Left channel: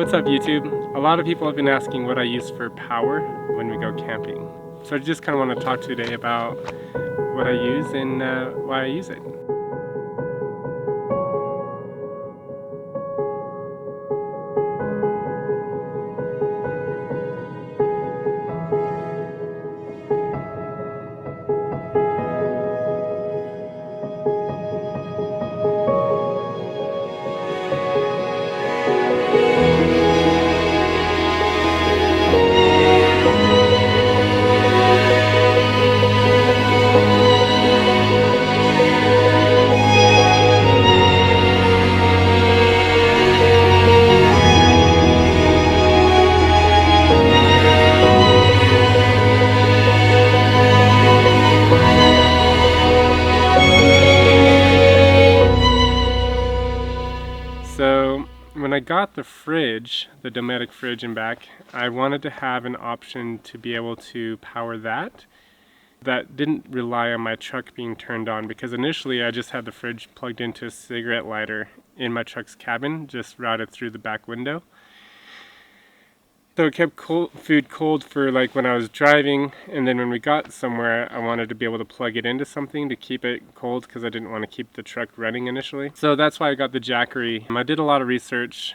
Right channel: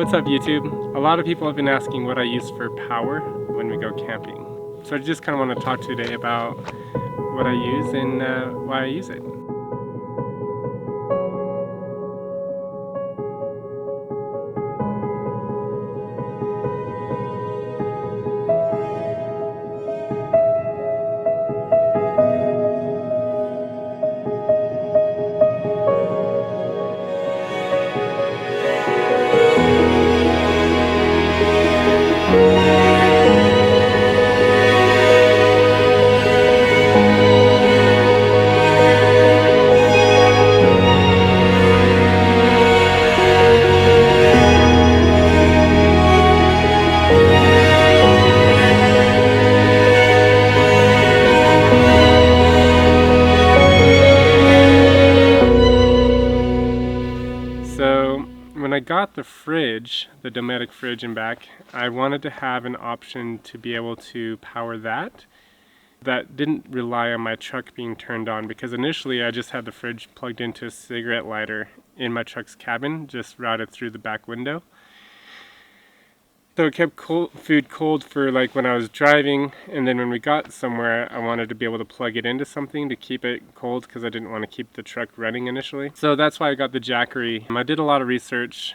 what's up YouTube? A lot of people have been asking what I use for power when we go camping. So I just kind of want to talk today about what I use and why I use it. So when I got the fridge, the Dometic fridge and back, I wanted to have an option to be able to power that didn't rely on my truck being turned on, because initially I just had the fridge plugged into a cigarette lighter in my truck's cabin, just routed through the back window. So it kept food cold for like when I was driving, and then when we got somewhere I wanted to be able to plug it into something to keep it cold because I didn't want to keep the truck running initially. So that's why I got the Jackery. I did a lot of research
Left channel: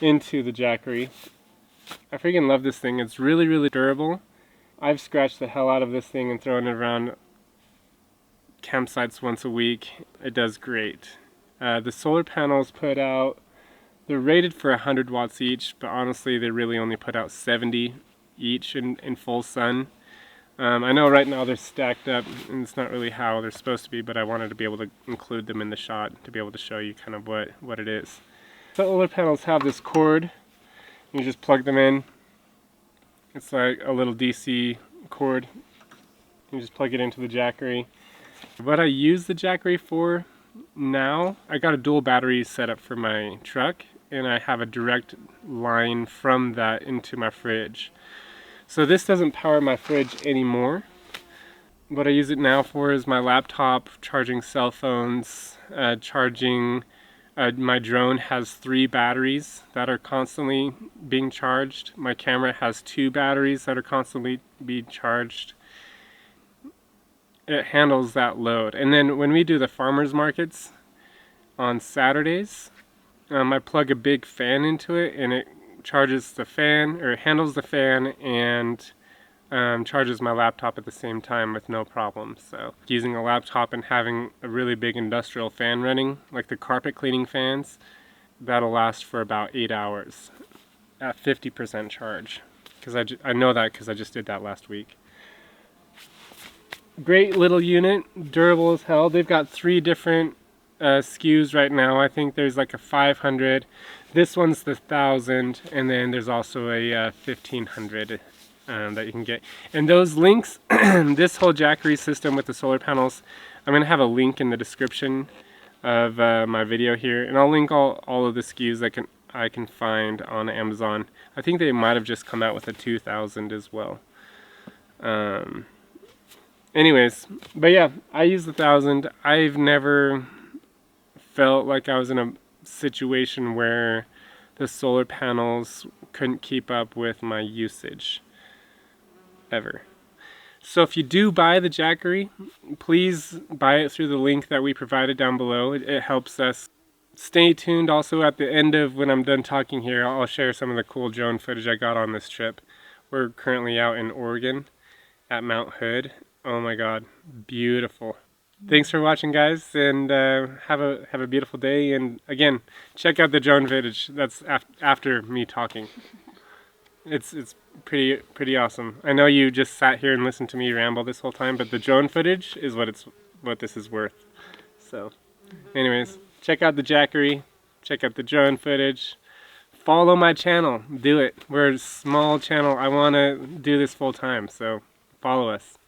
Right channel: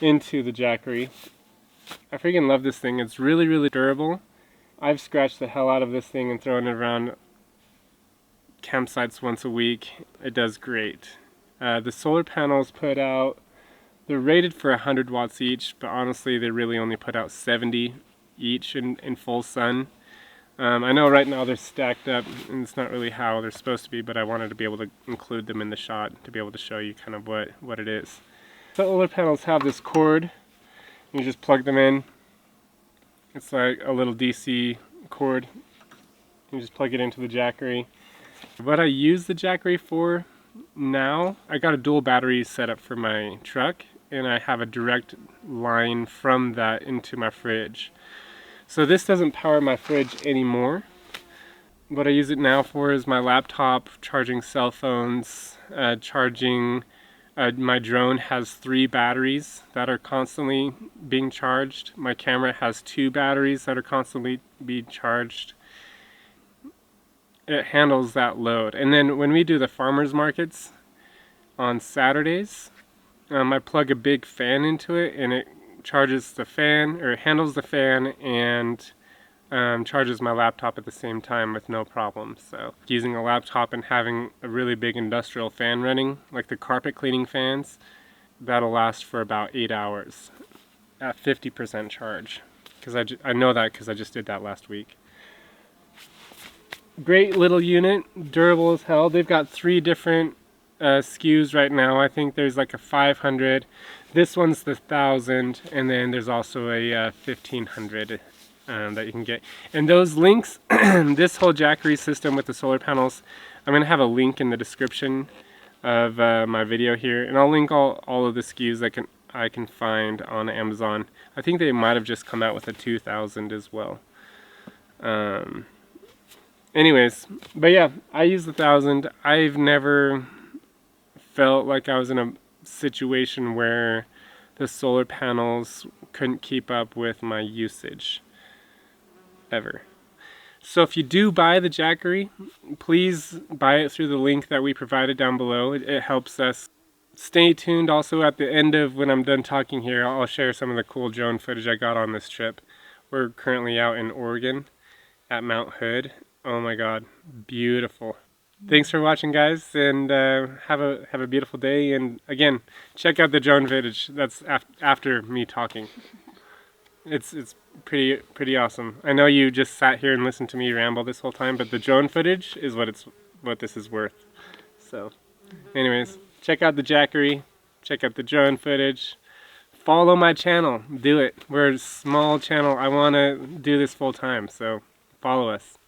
into the Jackery. I freaking love this thing. It's really, really durable. I've scratched the hell out of this thing and thrown it around campsites once a week. It does great. The solar panels put out, they're rated for 100 watts each, but honestly they really only put out 70 each in full sun. I know right now they're stacked up and it's not really how they're supposed to be, but I wanted to be able to include them in the shot to be able to show you kind of what it is. Solar panels have this cord. You just plug them in. It's like a little DC cord. You just plug it into the Jackery. What I use the Jackery for now, I got a dual battery set up for my truck, and I have a direct line from that into my fridge. So this doesn't power my fridge anymore. What I use it now for is my laptop, charging cell phones, charging. My drone has 3 batteries that are constantly being charged. My camera has 2 batteries that are constantly being charged. It handles that load. And then when we do the farmers markets on Saturdays, I plug a big fan into it and it charges the fan, or it handles the fan and charges my laptop at the same time with no problem. So using a laptop and having a really big industrial fan running, like the carpet cleaning fans, that'll last for about 8 hours at 50% charge. Because I know that because I just did that last week. Great little unit, durable as hell. They've got 3 different SKUs right now. I think there's like a 500. This one's the 1000, and then there's also a 1500 that you can get. And those links, this whole Jackery system with the solar panels, I'm going to have a link in the description of my video here, and I'll link all of the SKUs that I can find on Amazon. I think they might have just come out with a 2000 as well. Anyways, but yeah, I use the 1000. I've never felt like I was in a situation where the solar panels couldn't keep up with my usage ever. So if you do buy the Jackery, please buy it through the link that we provided down below. It helps us. Stay tuned. Also, at the end of when I'm done talking here, I'll share some of the cool drone footage I got on this trip. We're currently out in Oregon at Mount Hood. Oh my god, beautiful. Thanks for watching, guys, and have a beautiful day. And again, check out the drone footage. That's after me talking. It's pretty awesome. I know you just sat here and listened to me ramble this whole time, but the drone footage is what this is worth. So, anyways, check out the Jackery, check out the drone footage. Follow my channel. Do it. We're a small channel. I want to do this full time, so follow us.